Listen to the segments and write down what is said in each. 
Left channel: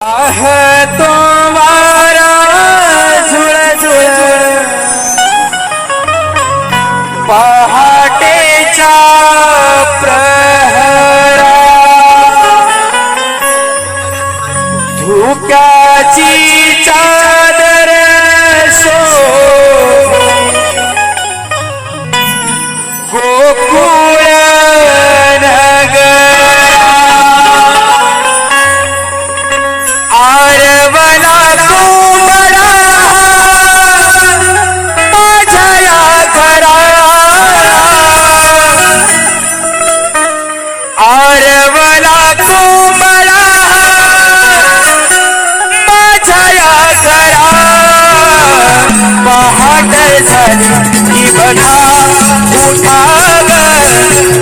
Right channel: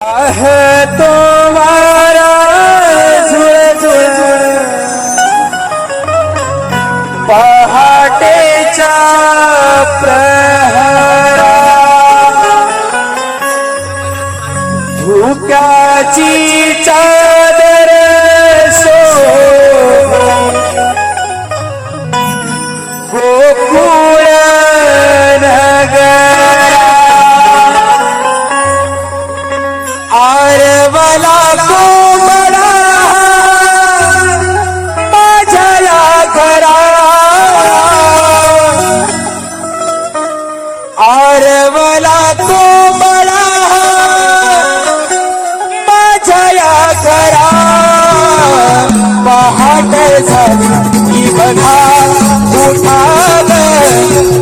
तो मारा झुळ झुळ पहाटेच्या प्रहरा धुक्याची पहाट झाली की बघा उठा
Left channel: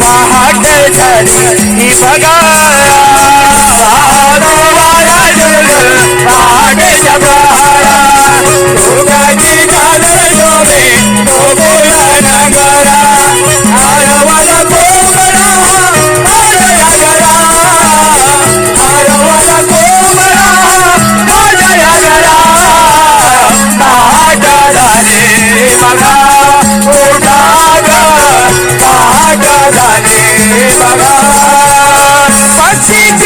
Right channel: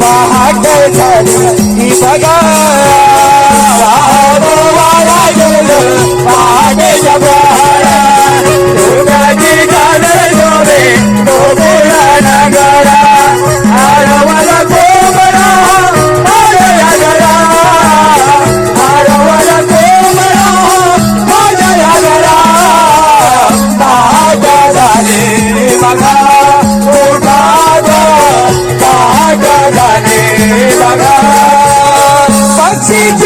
पहाट झाली की बघा वाया जग पहाट जग. see